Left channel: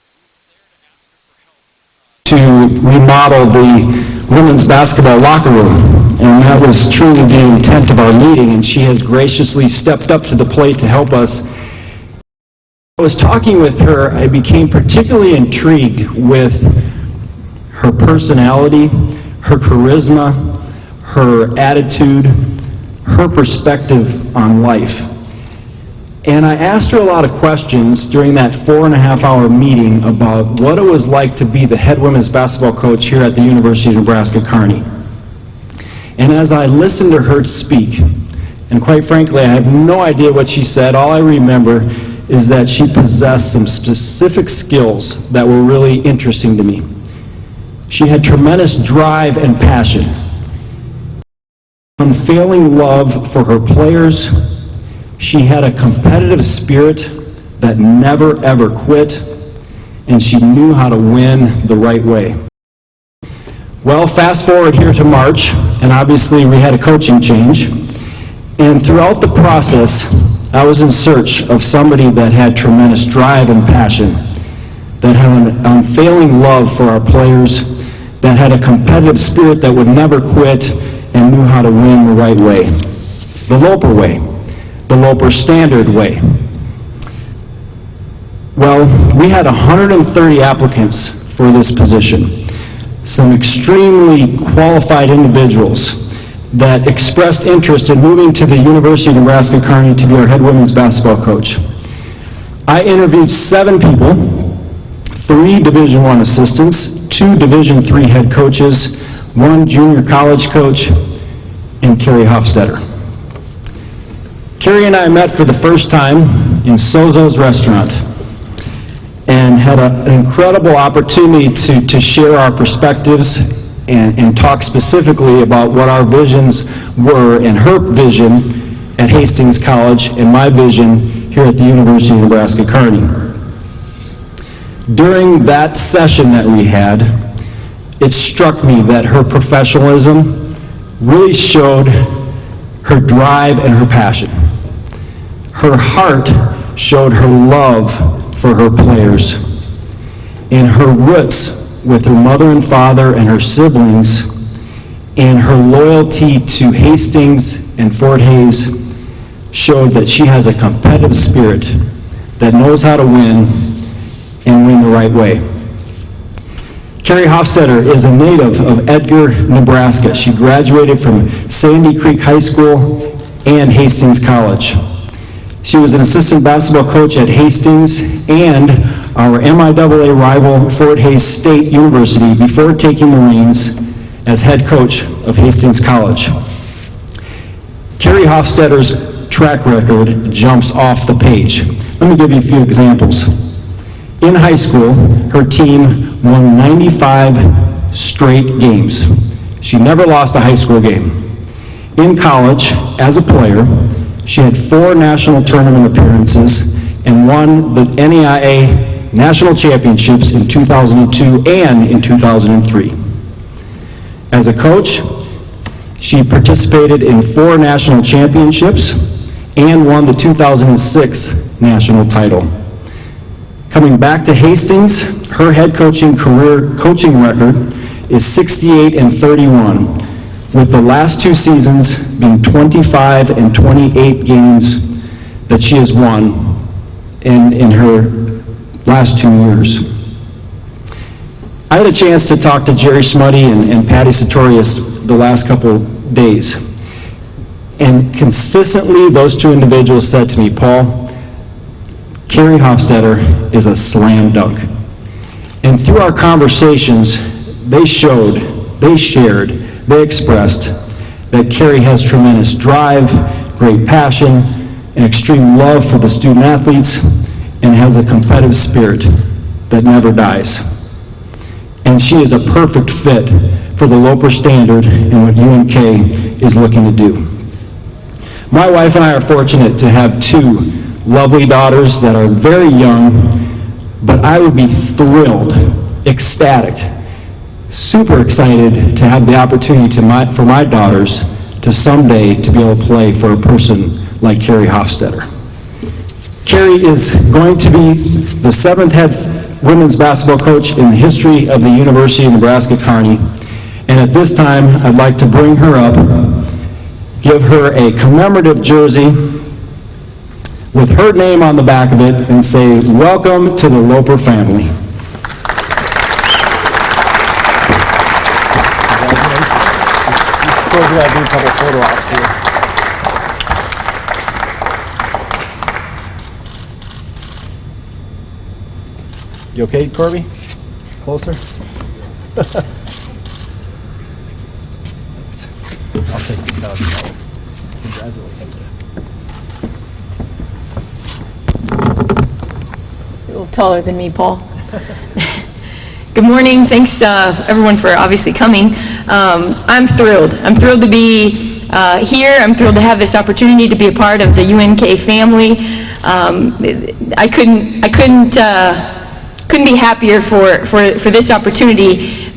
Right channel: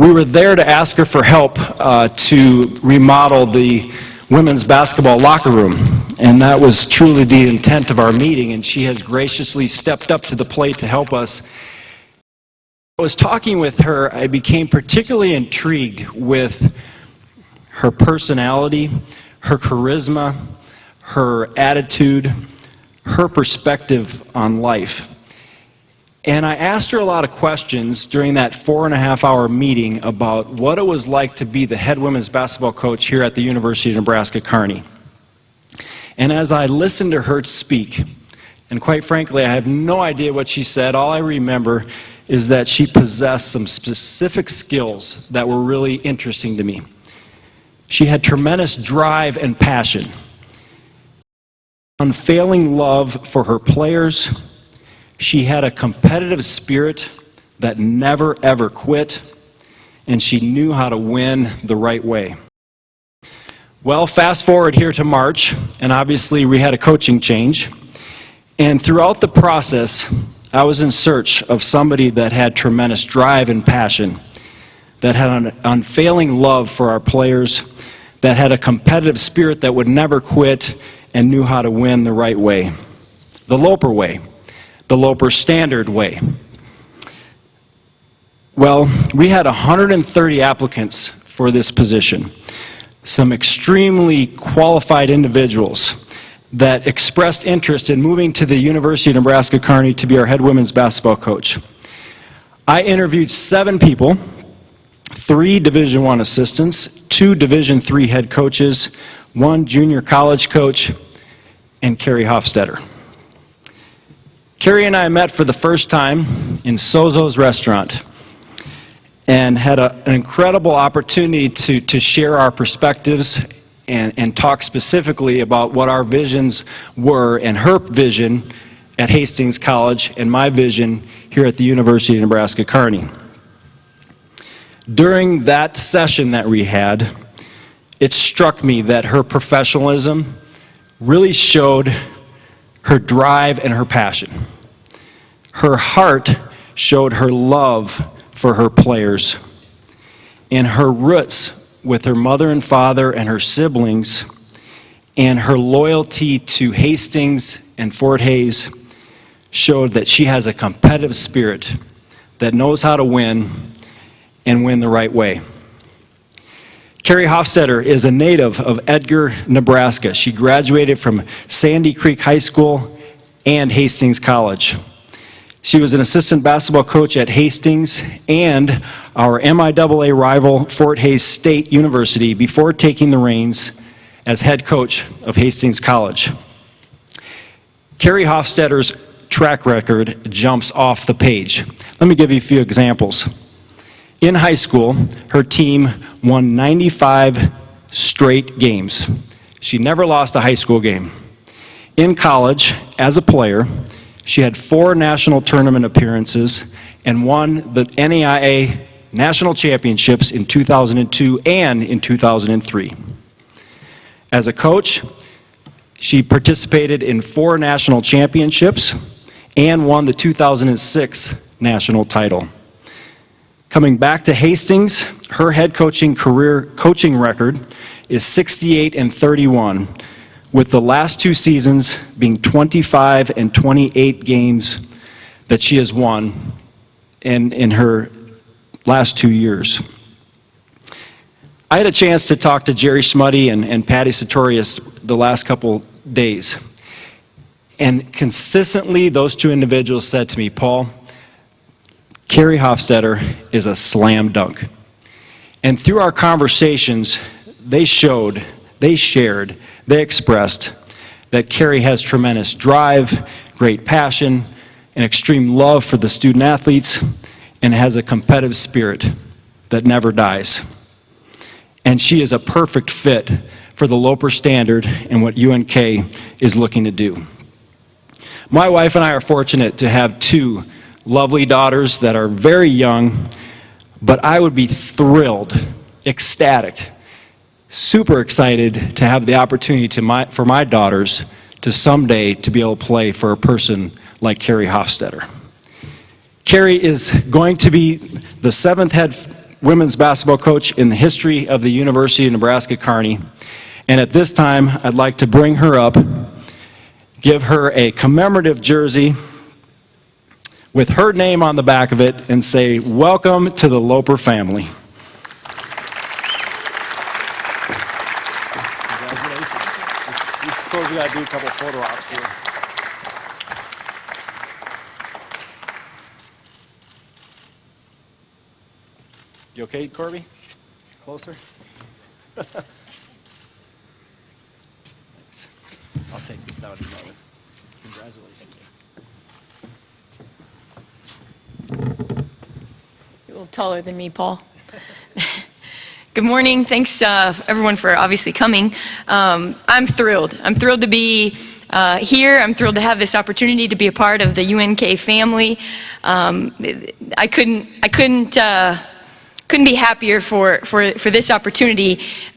We were there to ask her for help to remodel the women's basketball locker room, and that was truly the intent of our meeting, and she has graciously stepped up to the plate to help us. I was talking with her, I became particularly intrigued with her personality, her charisma, her attitude, her perspective on life. And I asked her a lot of questions during that 4.5-hour meeting about what it was like to be the head women's basketball coach here at the University of Nebraska, Kearney. And as I listened to her speak, and quite frankly, I have no idea what she said, all I remember is that she possessed some specific skills that were really interesting to me. She had tremendous drive and passion, unfailing love for her players. She had a competitive spirit that never ever quit, and she knew how to win the right way. Well, fast forward here to March, and obviously we had a coaching change, and throughout the process, I was in search of somebody that had tremendous drive and passion, that had an unfailing love for our players, that had a competitive spirit that would never quit, and knew how to win the right way, the Loper way. The Loper Standard way. Well, we had 130 applicants for this position. Some extremely qualified individuals that expressed interest in moving to the University of Nebraska, Kearney to be our head women's basketball coach. I interviewed 7 people, 3 Division I assistants, 2 Division III head coaches, 1 junior college coach, and Carrie Hofstetter. Kerry and I met for the first time in Sozo's restaurant and had an incredible opportunity to share our perspectives and talk specifically about what our visions were, and her vision at Hastings College and my vision here at the University of Nebraska, Kearney. During that session that we had, it struck me that her professionalism really showed her drive and her passion. Her heart showed her love for her players, and her roots with her mother and father and her siblings, and her loyalty to Hastings and Fort Hays showed that she has a competitive spirit that knows how to win and win the right way. Carrie Hofstetter is a native of Edgar, Nebraska. She graduated from Sandy Creek High School and Hastings College. She was an assistant basketball coach at Hastings and our MIAA rival Fort Hays State University before taking the reins as head coach of Hastings College. Carrie Hofstetter's track record jumps off the page. Let me give you a few examples. In high school, her team won 95 straight games. She never lost a high school game. In college, as a player, she had 4 national tournament appearances and won the NAIA national championships in 2002 and in 2003. As a coach, she participated in 4 national championships and won the 2006 national title. Coming back to Hastings, her head coaching record is 68-31. With the last 2 seasons being 25 and 28 games that she has won in her last 2 years. I had a chance to talk to Jerry Smuddy and Patty Sartorius the last couple days. And consistently, those 2 individuals said to me, Paul, Carrie Hofstetter is a slam dunk. And through our conversations, they shared, they expressed that Kerry has tremendous drive, great passion, and extreme love for the student athletes, and has a competitive spirit that never dies. And she is a perfect fit for the Loper Standard and what UNK is looking to do. My wife and I are fortunate to have 2 lovely daughters that are very young, but I would be thrilled, ecstatic, super excited to have the opportunity for my daughters to someday to be able to play for a person like Carrie Hofstetter. Kerry is going to be the 7th head women's basketball coach in the history of the University of Nebraska, Kearney. And at this time, I'd like to bring her up, give her a commemorative jersey with her name on the back of it, and say, welcome to the Loper family. You okay, Corby? Closer? I'll take this down. Congratulations. A little taller than me, Paul. Good morning. Thanks, everyone, for obviously coming. I'm thrilled. I'm thrilled to be here. I'm thrilled to have this opportunity to be a part of the UNK family. I couldn't be happier for this opportunity.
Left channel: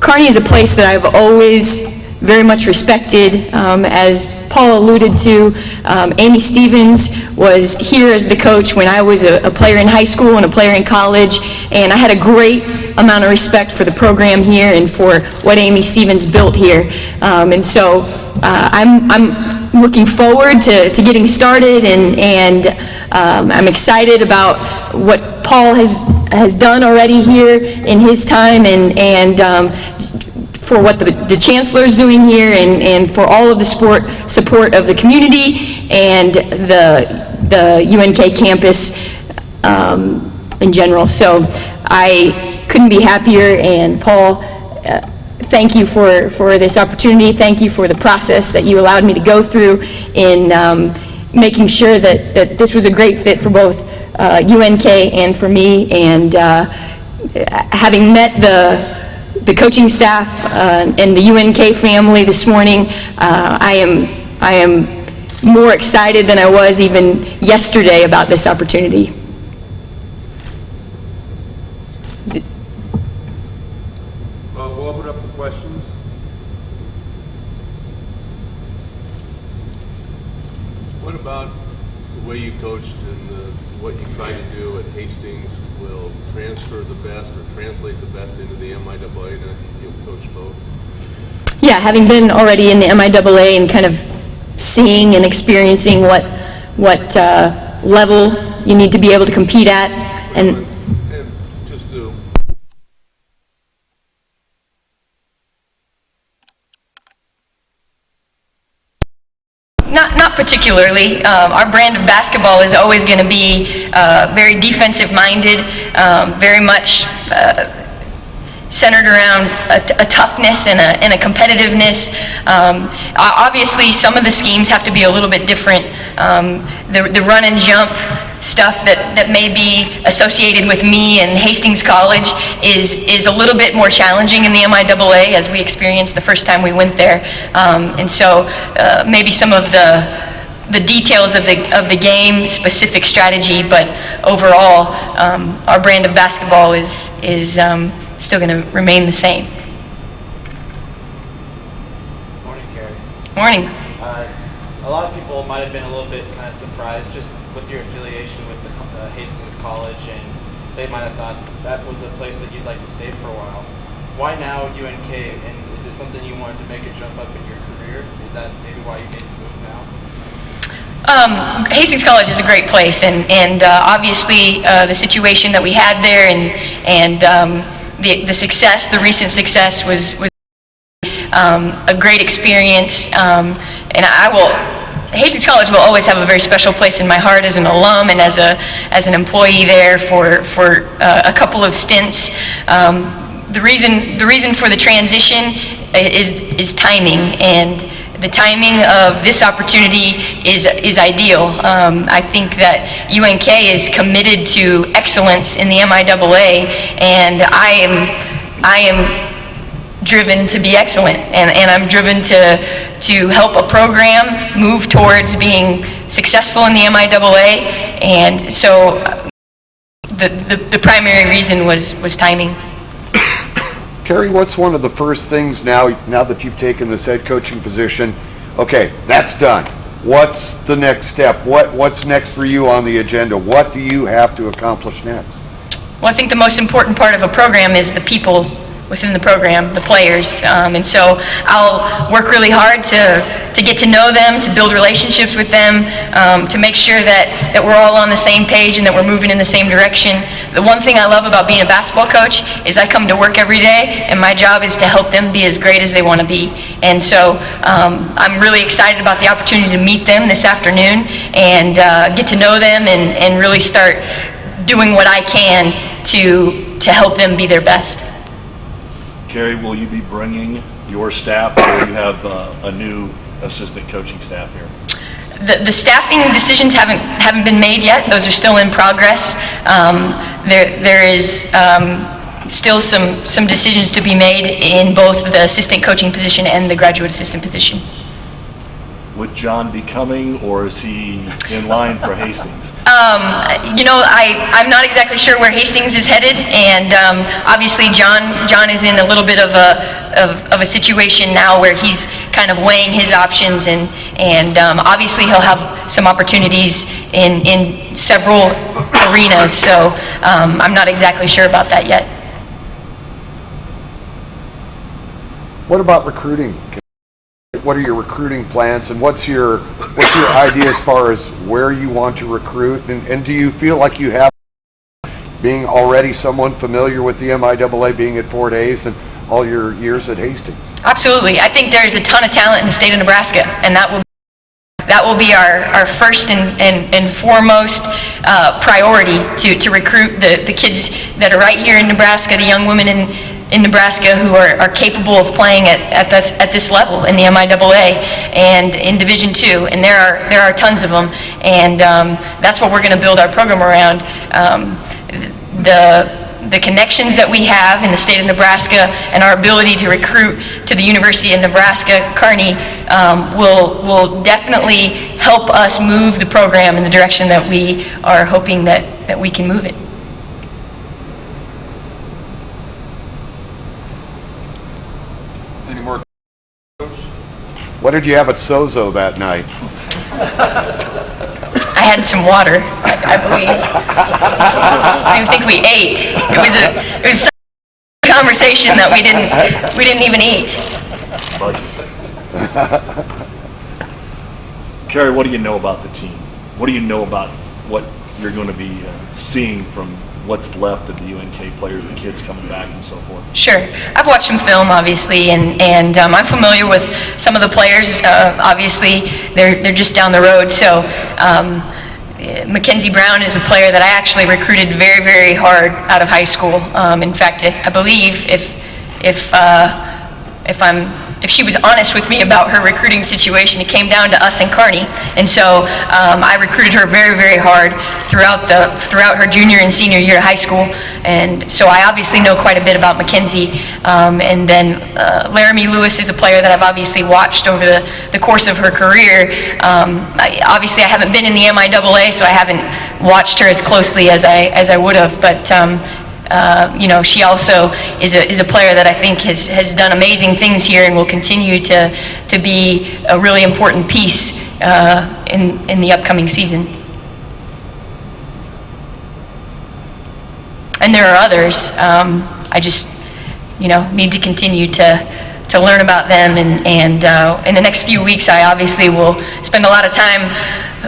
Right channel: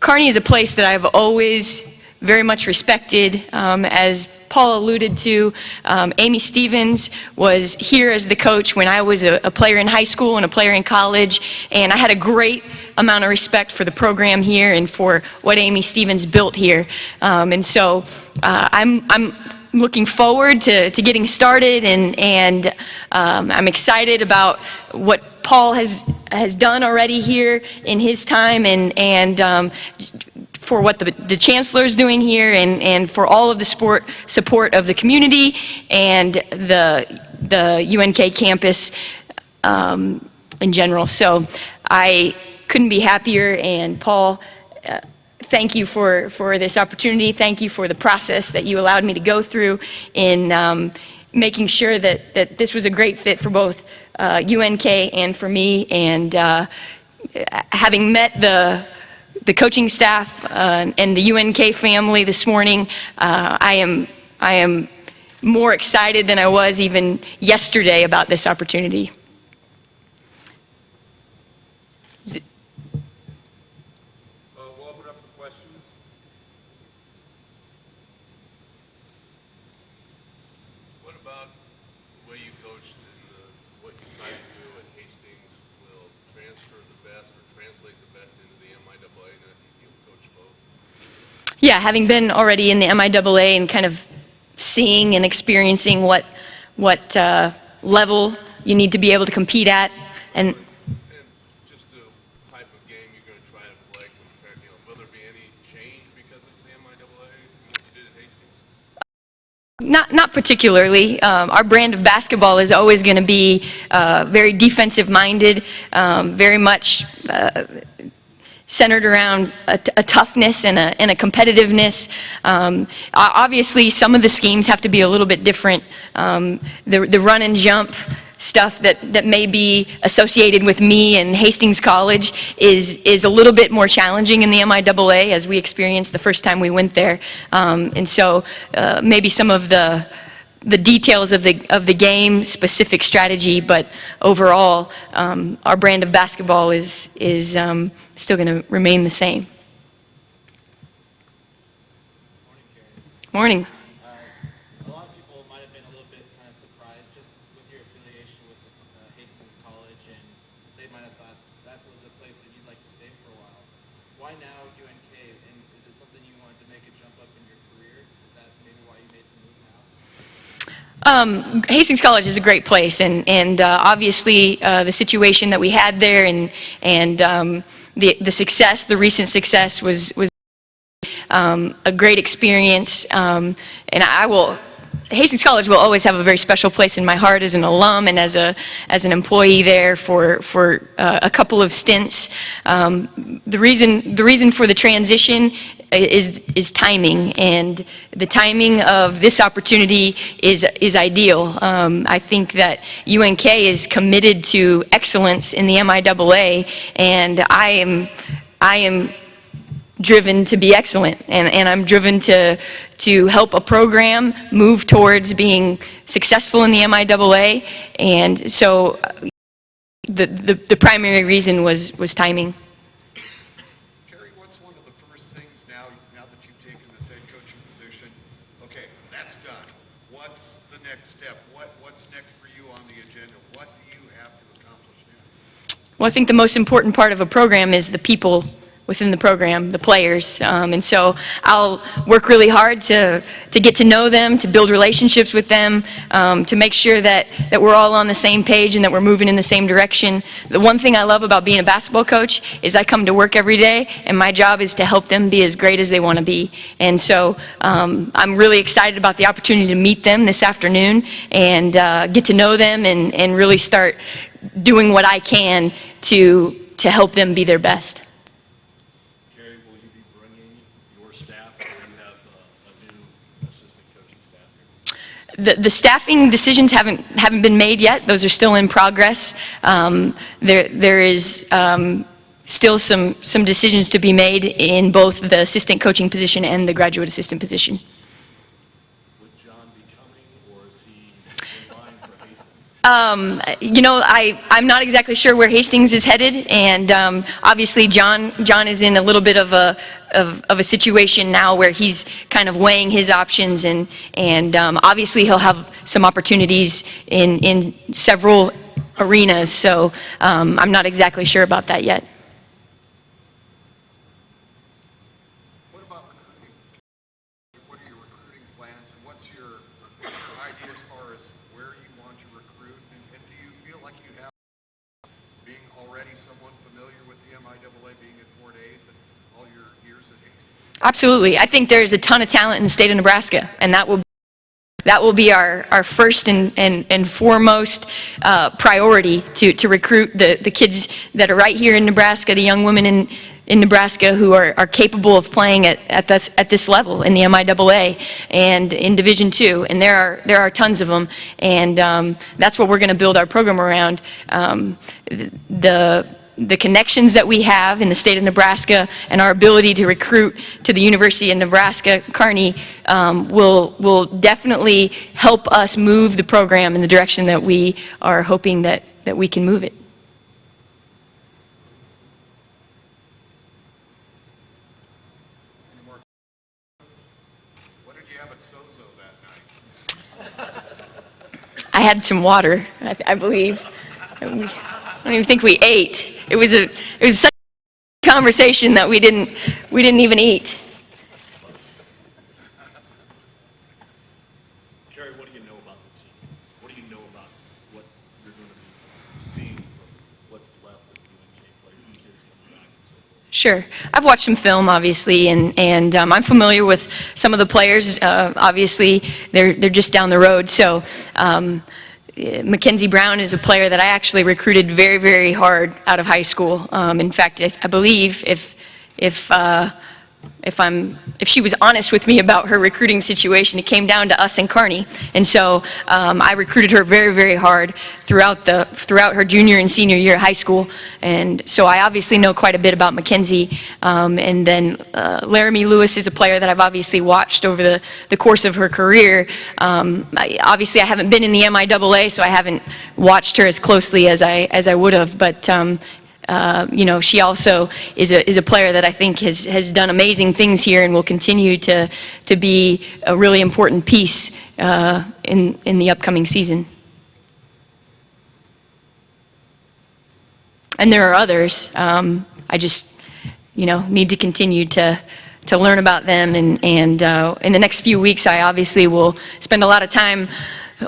Kearney is a place that I've always very much respected. As Paul alluded to, Amy Stevens was here as the coach when I was a player in high school and a player in college, and I had a great amount of respect for the program here and for what Amy Stevens built here. And so I'm looking forward to getting started, and I'm excited about what Paul has done already here in his time, and for what the Chancellor's doing here, and for all of the support of the community and the UNK campus in general. So I couldn't be happier, and Paul, thank you for this opportunity. Thank you for the process that you allowed me to go through in making sure that this was a great fit for both UNK and for me. And having met the coaching staff and the UNK family this morning, I am more excited than I was even yesterday about this opportunity. We'll open up for questions. What about the way you coached and what you try to do at Hastings will transfer the best or translate the best into the MIAA? You'll coach both? Yeah, having been already in the MIAA and kind of seeing and experiencing what level you need to be able to compete at, and just the type of game you're going to try to play compared, will there be any change because it's the MIAA from what you did at Hastings? Not particularly. Our brand of basketball is always going to be very defensive-minded, very much centered around a toughness and a competitiveness. Obviously, some of the schemes have to be a little bit different. The run and jump stuff that may be associated with me and Hastings College is a little bit more challenging in the MIAA, as we experienced the first time we went there. And so maybe some of the details of the game, specific strategy, but overall, our brand of basketball is still going to remain the same. Morning, Kerry. Morning. A lot of people might have been a little bit kind of surprised just with your affiliation with the Hastings College, and they might have thought that was a place that you'd like to stay for a while. Why now UNK, and is it something you wanted to make a jump up in your career? Is that maybe why you made the move now? Hastings College is a great place, and obviously the situation that we had there, and the success, the recent success was a great experience, and Hastings College will always have a very special place in my heart as an alum and as an employee there for a couple of stints. The reason for the transition is timing, and the timing of this opportunity is ideal. I think that UNK is committed to excellence in the MIAA, and I am driven to be excellent, and I'm driven to help a program move towards being successful in the MIAA, and so the primary reason was timing. Kerry, what's one of the first things now that you've taken this head coaching position? Okay, that's done. What's the next step? What's next for you on the agenda? What do you have to accomplish next? Well, I think the most important part of a program is the people within the program, the players. And so I'll work really hard to get to know them, to build relationships with them, to make sure that we're all on the same page and that we're moving in the same direction. The one thing I love about being a basketball coach is I come to work every day and my job is to help them be as great as they want to be. And so I'm really excited about the opportunity to meet them this afternoon and get to know them and really start doing what I can to help them be their best. Kerry, will you be bringing your staff, or you have a new assistant coaching staff here? The staffing decisions haven't been made yet. Those are still in progress. There is still some decisions to be made in both the assistant coaching position and the graduate assistant position. Would John be coming, or is he in line for Hastings? You know, I'm not exactly sure where Hastings is headed, and obviously John is in a little bit of a situation now where he's kind of weighing his options, and obviously he'll have some opportunities in several arenas. So I'm not exactly sure about that yet. What about recruiting? What are your recruiting plans, and what's your idea as far as where you want to recruit, and do you feel like you have, being already someone familiar with the MIAA, being at Fort Hays and all your years at Hastings? Absolutely. I think there's a ton of talent in the state of Nebraska, and that will be our first and foremost priority to recruit the kids that are right here in Nebraska, the young women in Nebraska who are capable of playing at this level in the MIAA and in Division II, and there are tons of them, and that's what we're going to build our program around. The connections that we have in the state of Nebraska and our ability to recruit to the University of Nebraska, Kearney, will definitely help us move the program in the direction that we are hoping that we can move it. Any more? What did you have at Sozo that night? I had some water, I believe. I don't even think we ate. It was such a conversation that we didn't even eat. Kerry, what do you know about the team? What do you know about what you're going to be seeing from what's left of the UNK players, the kids coming back and so forth? Sure. I've watched some film, obviously, and I'm familiar with some of the players. Obviously, they're just down the road. So Mackenzie Brown is a player that I actually recruited very, very hard out of high school. In fact, I believe if she was honest with me about her recruiting situation, it came down to us and Kearney, and so I recruited her very, very hard throughout her junior and senior year of high school, and so I obviously know quite a bit about Mackenzie. And then Laramie Lewis is a player that I've obviously watched over the course of her career. Obviously, I haven't been in the MIAA, so I haven't watched her as closely as I would have, but you know, she also is a player that I think has done amazing things here and will continue to be a really important piece in the upcoming season. And there are others. I just, you know, need to continue to learn about them, and in the next few weeks I obviously will spend a lot of time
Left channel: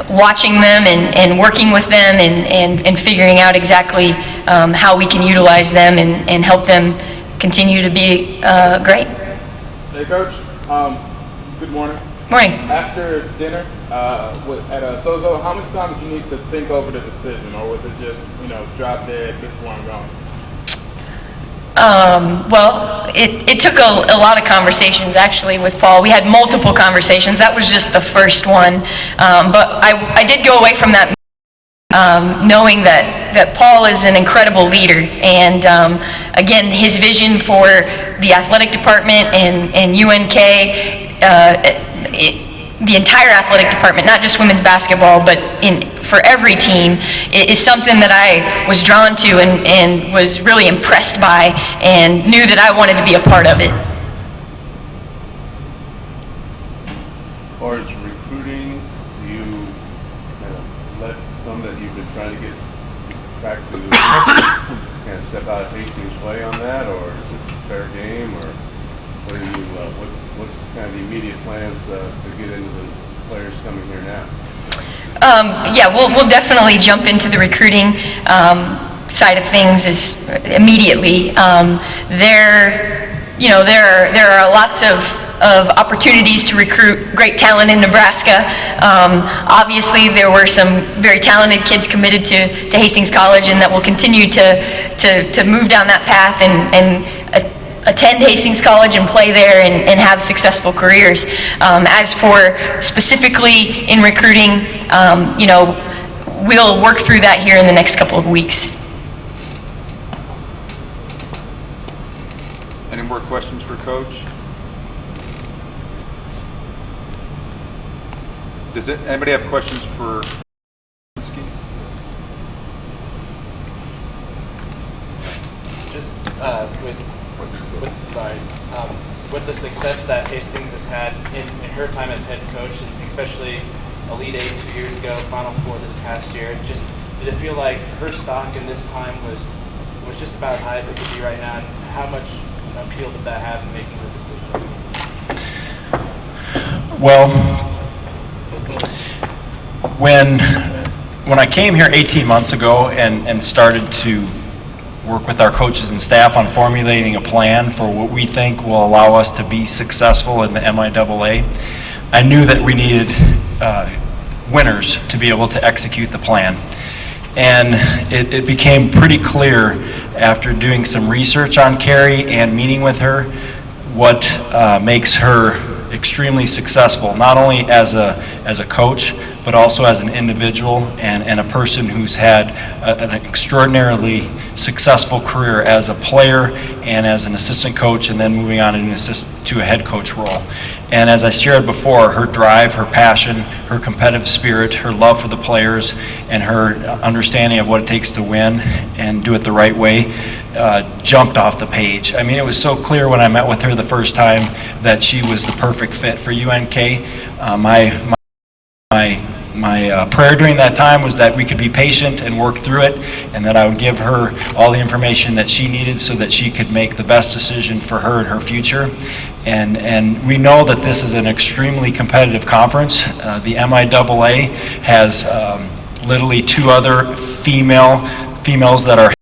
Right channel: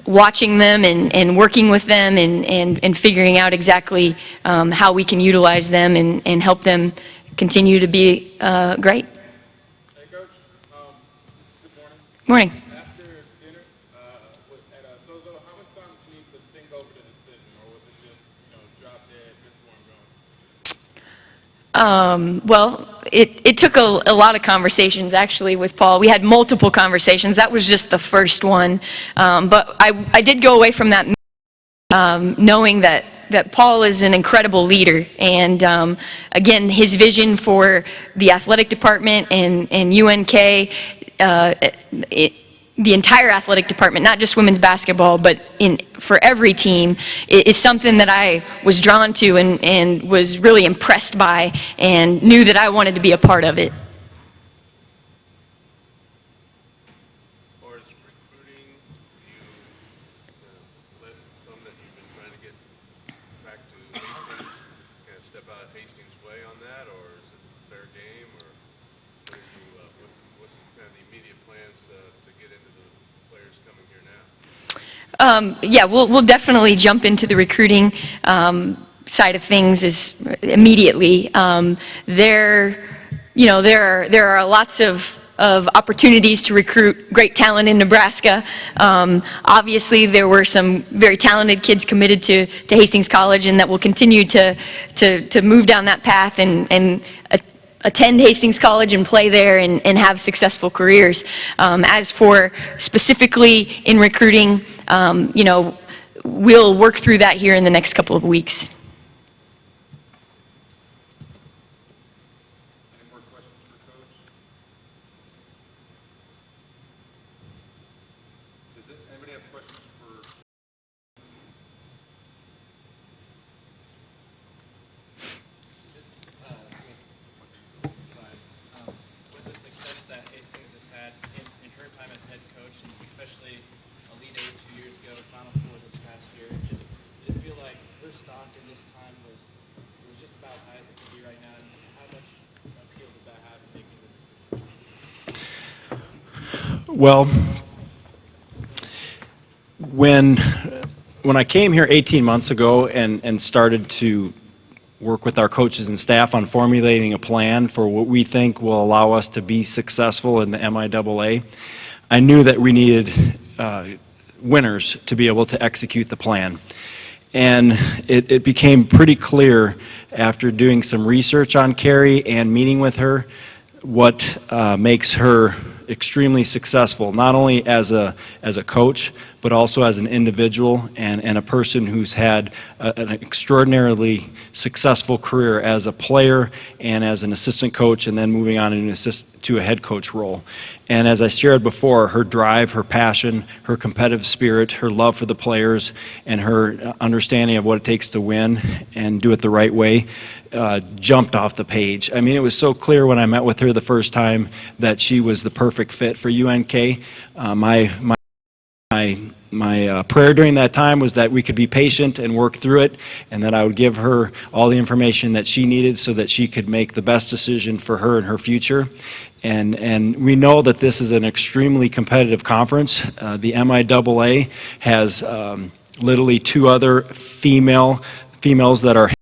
watching them and working with them and figuring out exactly how we can utilize them and help them continue to be great. Hey, Coach. Good morning. Morning. After dinner at Sozo, how much time did you need to think over the decision, or was it just, you know, drop dead, this is where I'm going? Well, it took a lot of conversations actually with Paul. We had multiple conversations. That was just the first one. But I did go away from that knowing that Paul is an incredible leader, and again, his vision for the athletic department and UNK, the entire athletic department, not just women's basketball, but for every team, is something that I was drawn to and was really impressed by, and knew that I wanted to be a part of it. As far as recruiting, you let some that you've been trying to get back to step out of Hastings' way on that, or is it a fair game, or what are you, what's kind of the immediate plans to get into the players coming here now? Yeah, we'll definitely jump into the recruiting side of things immediately. There are lots of opportunities to recruit great talent in Nebraska. Obviously, there were some very talented kids committed to Hastings College, and that will continue to move down that path and attend Hastings College and play there and have successful careers. As for specifically in recruiting, we'll work through that here in the next couple of weeks. Any more questions for Coach? Does anybody have questions for Just with the success that Hastings has had in her time as head coach, and especially Elite Eight 2 years ago, Final Four this past year, did it feel like her stock in this time was just about as high as it could be right now? And how much appeal did that have in making the decision? Well, when I came here 18 months ago and started to work with our coaches and staff on formulating a plan for what we think will allow us to be successful in the MIAA, I knew that we needed winners to be able to execute the plan. And it became pretty clear after doing some research on Kerry and meeting with her what makes her extremely successful, not only as a coach, but also as an individual and a person who's had an extraordinarily successful career as a player and as an assistant coach, and then moving on to a head coach role. And as I shared before, her drive, her passion, her competitive spirit, her love for the players, and her understanding of what it takes to win and do it the right way jumped off the page. I mean, it was so clear when I met with her the first time that she was the perfect fit for UNK. My prayer during that time was that we could be patient and work through it, and that I would give her all the information that she needed so that she could make the best decision for her and her future. And we know that this is an extremely competitive conference. The MIAA has literally 2 other females that are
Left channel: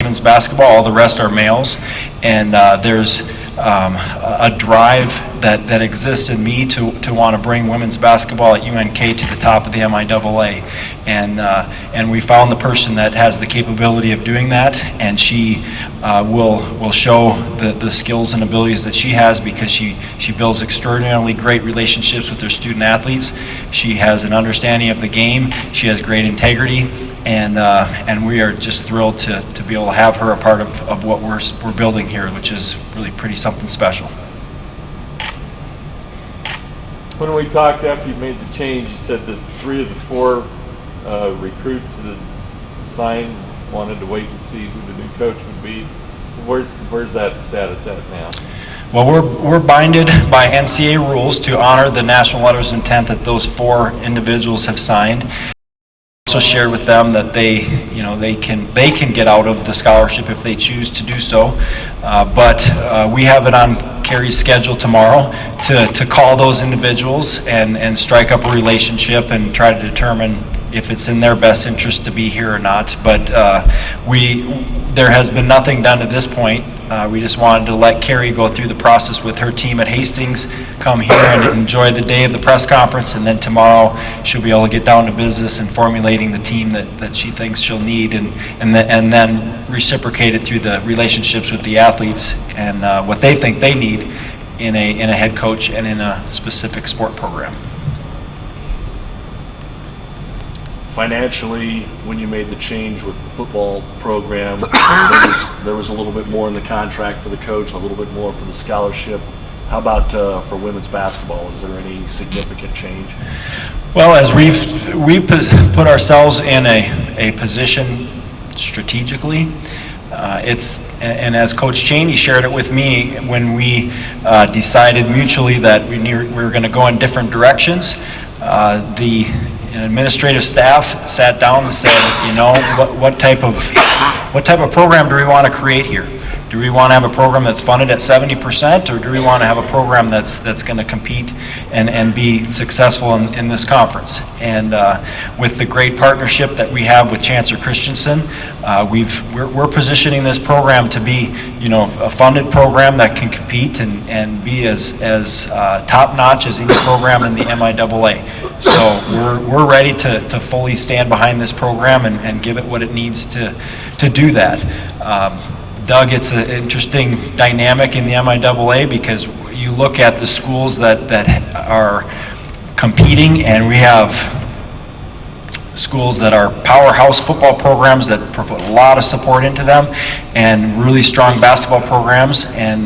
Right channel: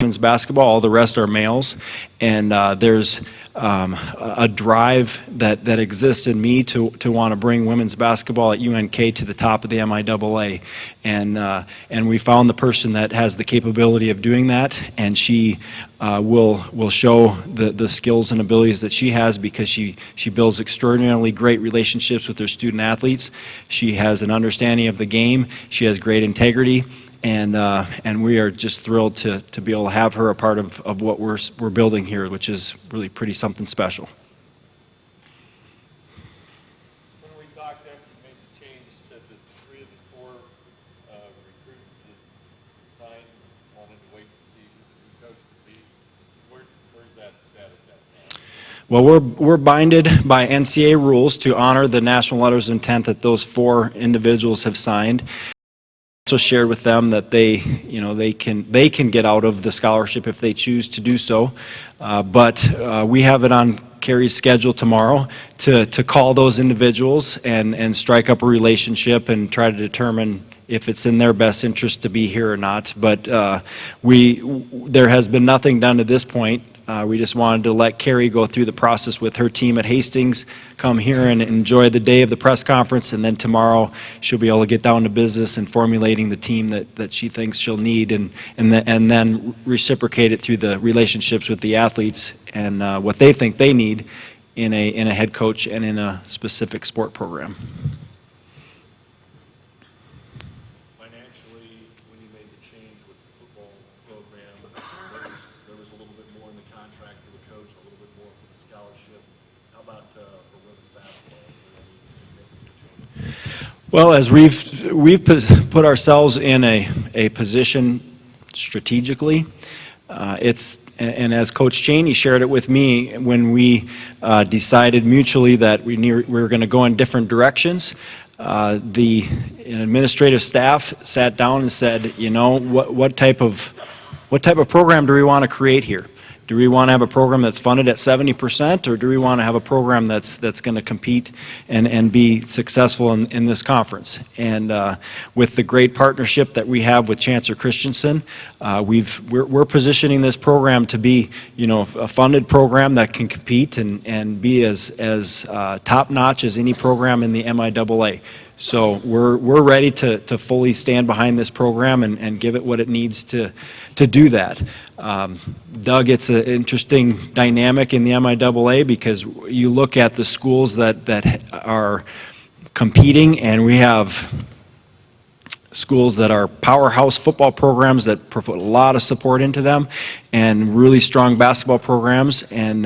women's basketball. All the rest are males, and there's a drive that exists in me to want to bring women's basketball at UNK to the top of the MIAA, and we found the person that has the capability of doing that, and she will show the skills and abilities that she has, because she builds extraordinarily great relationships with her student athletes. She has an understanding of the game. She has great integrity. And we are just thrilled to be able to have her a part of what we're building here, which is really pretty something special. When we talked after you made the change, you said that 3 of the 4 recruits that signed wanted to wait and see who the new coach would be. Where's that status at now? Well, we're binded by NCAA rules to honor the national letters of intent that those 4 individuals have signed. Also shared with them that they can get out of the scholarship if they choose to do so, but we have it on Kerry's schedule tomorrow to call those individuals and strike up a relationship and try to determine if it's in their best interest to be here or not. But there has been nothing done at this point. We just wanted to let Kerry go through the process with her team at Hastings, come here and enjoy the day of the press conference, and then tomorrow she'll be able to get down to business and formulating the team that she thinks she'll need, and then reciprocate it through the relationships with the athletes and what they think they need in a head coach and in a specific sport program. Financially, when you made the change with the football program, there was a little bit more in the contract for the coach, a little bit more for the scholarship. How about for women's basketball? Is there any significant change? Well, as we've put ourselves in a position strategically, and as Coach Cheney shared it with me when we decided mutually that we were going to go in different directions, the administrative staff sat down and said, what type of what type of program do we want to create here? Do we want to have a program that's funded at 70%, or do we want to have a program that's going to compete and be successful in this conference? And with the great partnership that we have with Chancellor Christensen, we're positioning this program to be, a funded program that can compete and be as top-notch as any program in the MIAA. So we're ready to fully stand behind this program and give it what it needs to do that. Doug, it's an interesting dynamic in the MIAA because you look at the schools that are competing, and we have schools that are powerhouse football programs that put a lot of support into them, and really strong basketball programs, and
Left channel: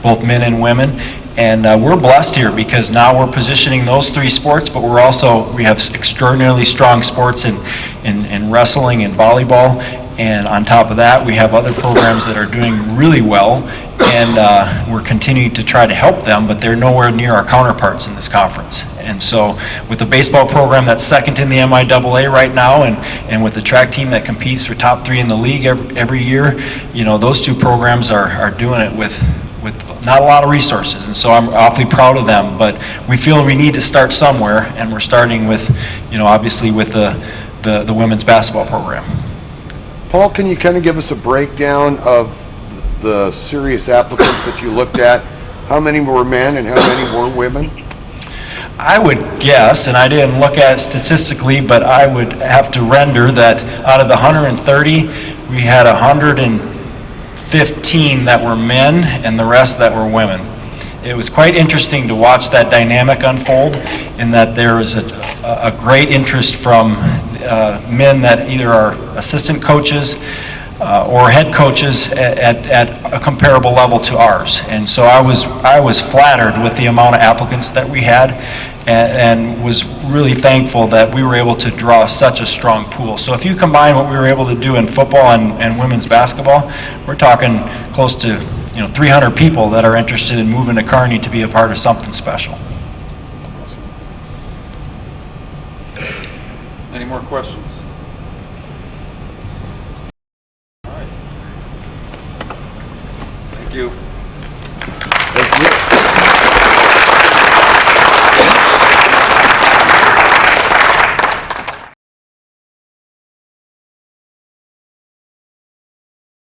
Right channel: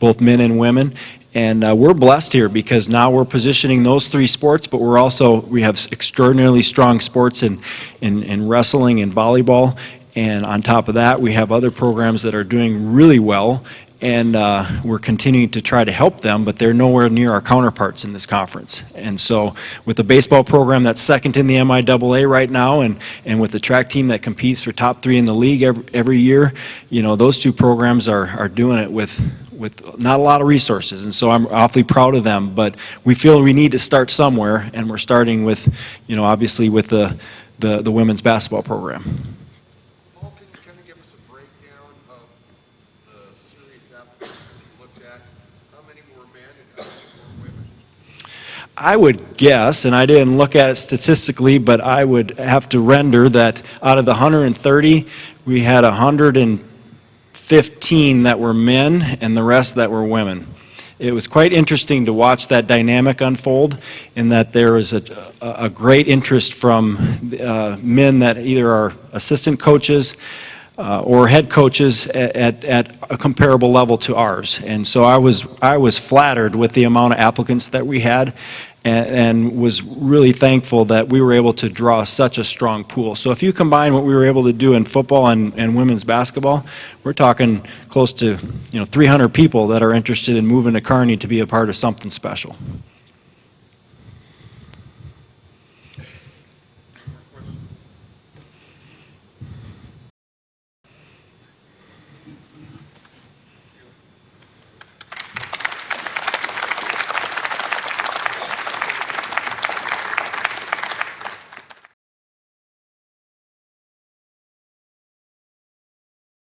both men and women. And we're blessed here because now we're positioning those three sports, but we have extraordinarily strong sports in wrestling and volleyball. And on top of that, we have other programs that are doing really well, and we're continuing to try to help them, but they're nowhere near our counterparts in this conference. And so with the baseball program that's second in the MIAA right now, and with the track team that competes for top 3 in the league every year, those two programs are doing it with not a lot of resources, and so I'm awfully proud of them. But we feel we need to start somewhere, and we're starting with, obviously with the women's basketball program. Paul, can you kind of give us a breakdown of the serious applicants that you looked at? How many were men and how many were women? I would guess, and I didn't look at it statistically, but I would have to render that out of the 130, we had 115 that were men and the rest that were women. It was quite interesting to watch that dynamic unfold, in that there was a great interest from men that either are assistant coaches or head coaches at a comparable level to ours. And so I was flattered with the amount of applicants that we had, and was really thankful that we were able to draw such a strong pool. So if you combine what we were able to do in football and women's basketball, we're talking close to 300 people that are interested in moving to Kearney to be a part of something special. Any more questions?